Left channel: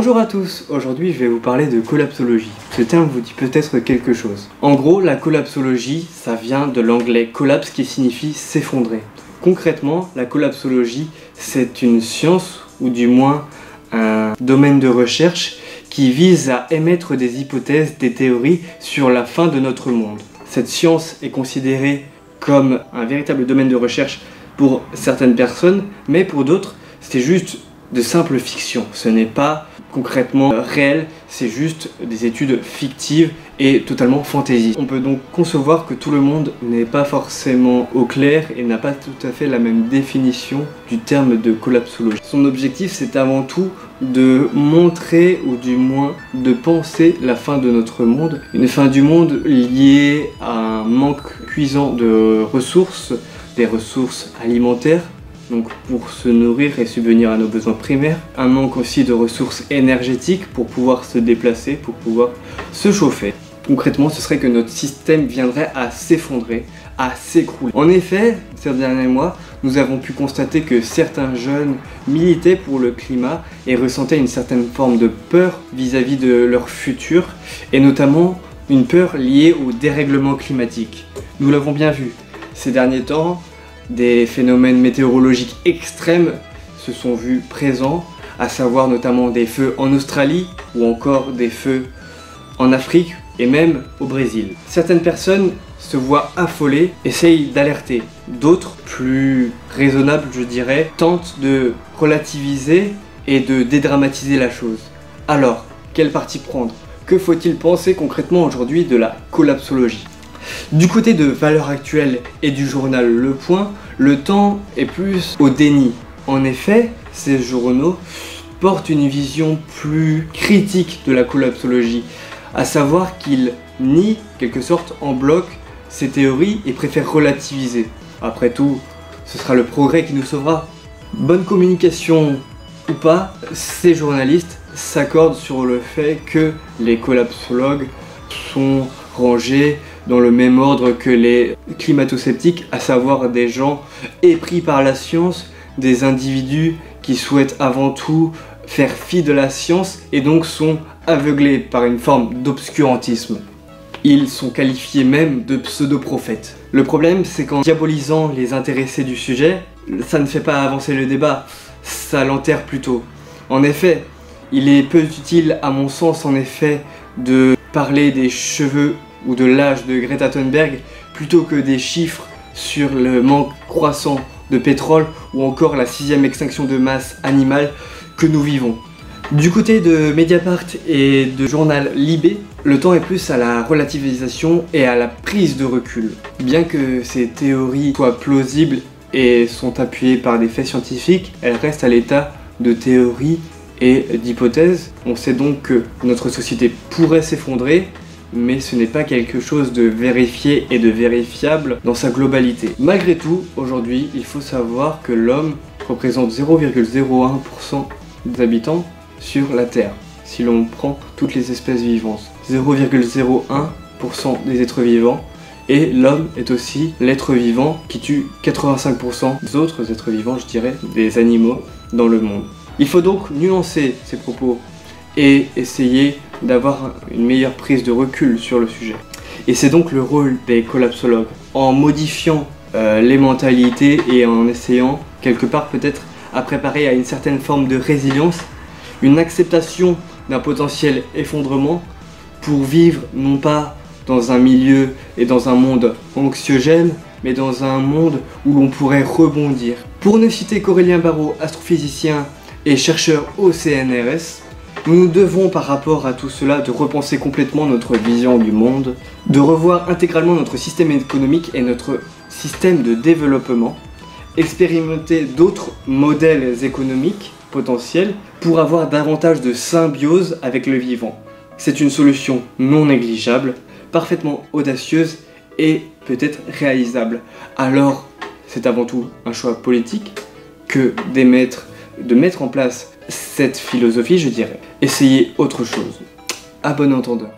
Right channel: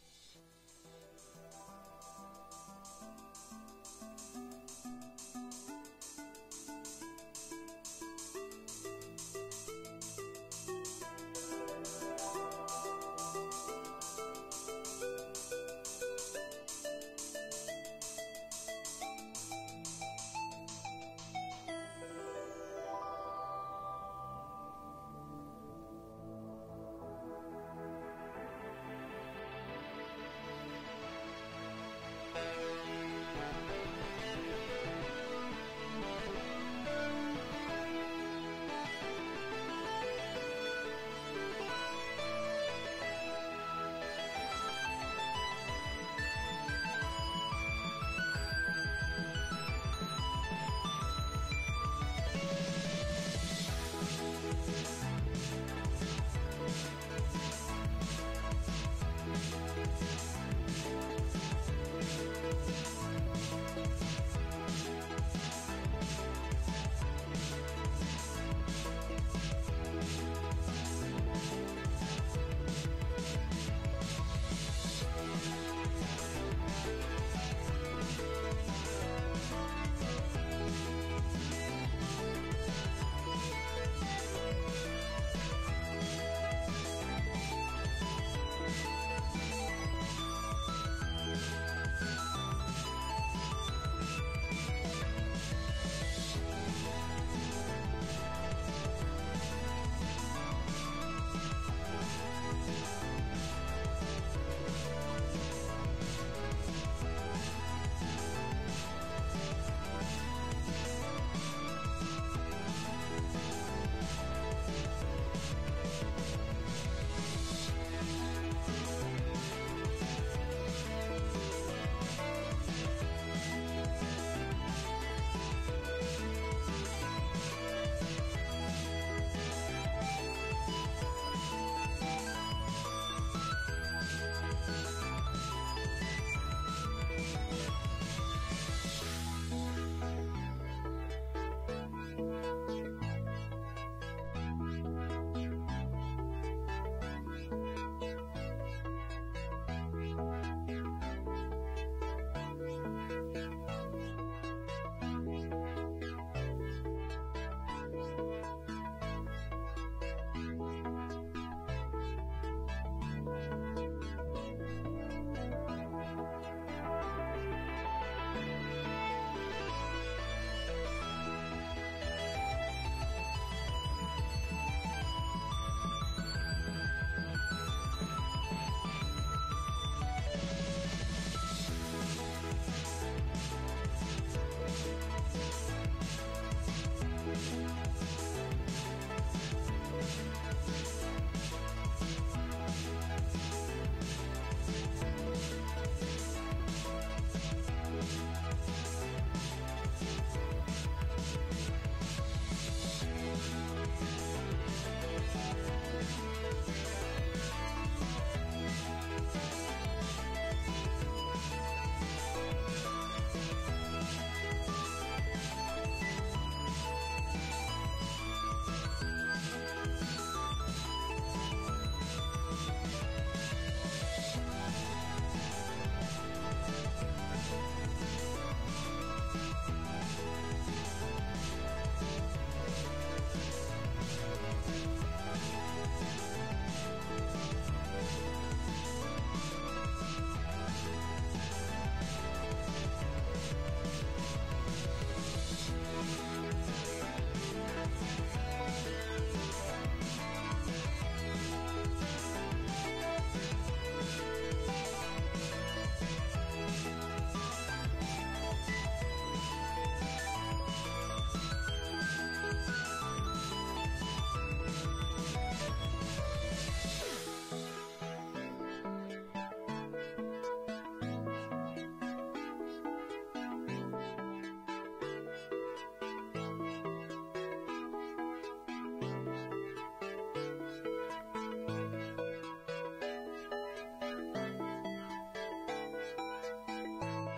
Bonjour à tous, aujourd'hui je vais vous parler de collapsologie. Ce terme vous dit peut-être quelque chose. En gros, la collapsologie, ça vient de l'anglais collapse qui signifie s'effondrer. Concrètement, la collapsologie, c'est une science, ou du moins un domaine de recherche qui vise à émettre des hypothèses, des théories sur la fin de notre monde. Cette science est considérée comme un véritable domaine de recherche pour certaines personnes, mais pour d'autres, c'est juste de simple fiction. Ce n'est pas concrètement réel, c'est juste des études fictives et totalement fantasy. On peut donc concevoir que tout le monde n'est pas forcément au clair et n'a pas tout à fait la même définition du terme de collapsologie. Son objectif, c'est avant tout de montrer, ou du moins de penser la fin de notre monde. Une fin du monde liée à un manque cuisant de ressources, des ressources alimentaires, donc pour se nourrir et subvenir à nos besoins primaires. Un manque aussi de ressources énergétiques pour pouvoir se déplacer, pour pouvoir se chauffer. Concrètement, ce serait que notre système viendrait à s'effondrer, à s'écrouler. En effet, ces derniers mois, nous avons pu constater que certains jeunes militaient pour le climat et ressentaient une certaine forme de peur vis-à-vis de leur futur, et notamment une peur liée au dérèglement climatique. Nous l'avons bien vu ces derniers temps. Des phénomènes météorologiques extrêmes se sont vus présents, à savoir notamment des feux en Australie ou encore des feux en Afrique et même au Brésil. Certaines personnes se voient affolées, essayent d'alerter. D'autres, plus raisonnables je dirais, tentent de relativiser et de dédramatiser la chose. Alors, quel parti prendre? Que faut-il penser concrètement aujourd'hui de la collapsologie? Du côté de Valeurs Actuelles et du journal Le Point, le temps est plus au déni. En effet, ces journaux portent une vision plus critique de la collapsologie, à savoir qu'ils nient, quelque sorte, en bloc ces théories et préfèrent relativiser. Après tout, ce sera le progrès qui nous sauvera. Bonne communication ou pas, ces journalistes s'accordent sur le fait que les collapsologues sont rangés dans le même ordre que les climato-sceptiques, à savoir des gens épris par la science, des individus qui souhaitent avant tout faire fi de la science et donc sont aveuglés par une forme d'obscurantisme. Ils sont qualifiés même de pseudo-prophètes. Le problème, c'est qu'en diabolisant les intéressés du sujet, ça ne fait pas avancer le débat, ça l'enterre plutôt. En effet, il est peu utile à mon sens de parler des cheveux ou de l'âge de Greta Thunberg plutôt que des chiffres sur le manque croissant de pétrole ou encore la 6e extinction de masse animale que nous vivons. Du côté de Mediapart et de journal Libé, le temps est plus à la relativisation et à la prise de recul. Bien que ces théories soient plausibles et sont appuyées par des faits scientifiques, elles restent à l'état de théories et d'hypothèses. On sait donc que notre société pourrait s'effondrer, mais ce n'est pas quelque chose de vérifié et de vérifiable dans sa globalité. Malgré tout, aujourd'hui, il faut savoir que l'homme représente 0,01% des habitants sur la Terre, si l'on prend toutes les espèces vivantes. 0,01% des êtres vivants, et l'homme est aussi l'être vivant qui tue 85% des autres êtres vivants, je dirais, des animaux dans le monde. Il faut donc nuancer ces propos et essayer d'avoir une meilleure prise de recul sur le sujet. Et c'est donc le rôle des collapsologues, en modifiant les mentalités et en essayant quelque part peut-être à préparer à une certaine forme de résilience, une acceptation d'un potentiel effondrement pour vivre non pas dans un milieu et dans un monde anxiogène, mais dans un monde où l'on pourrait rebondir. Pour ne citer qu'Aurélien Barraud, astrophysicien et chercheur au CNRS, nous devons par rapport à tout cela de repenser complètement notre vision du monde, de revoir intégralement notre système économique et notre système de développement, expérimenter d'autres modèles économiques potentiels pour avoir davantage de symbiose avec le vivant. C'est une solution non négligeable, parfaitement audacieuse et peut-être réalisable. Alors, c'est avant tout un choix politique que de mettre en place cette philosophie, je dirais. Essayez autre chose. À bon entendeur.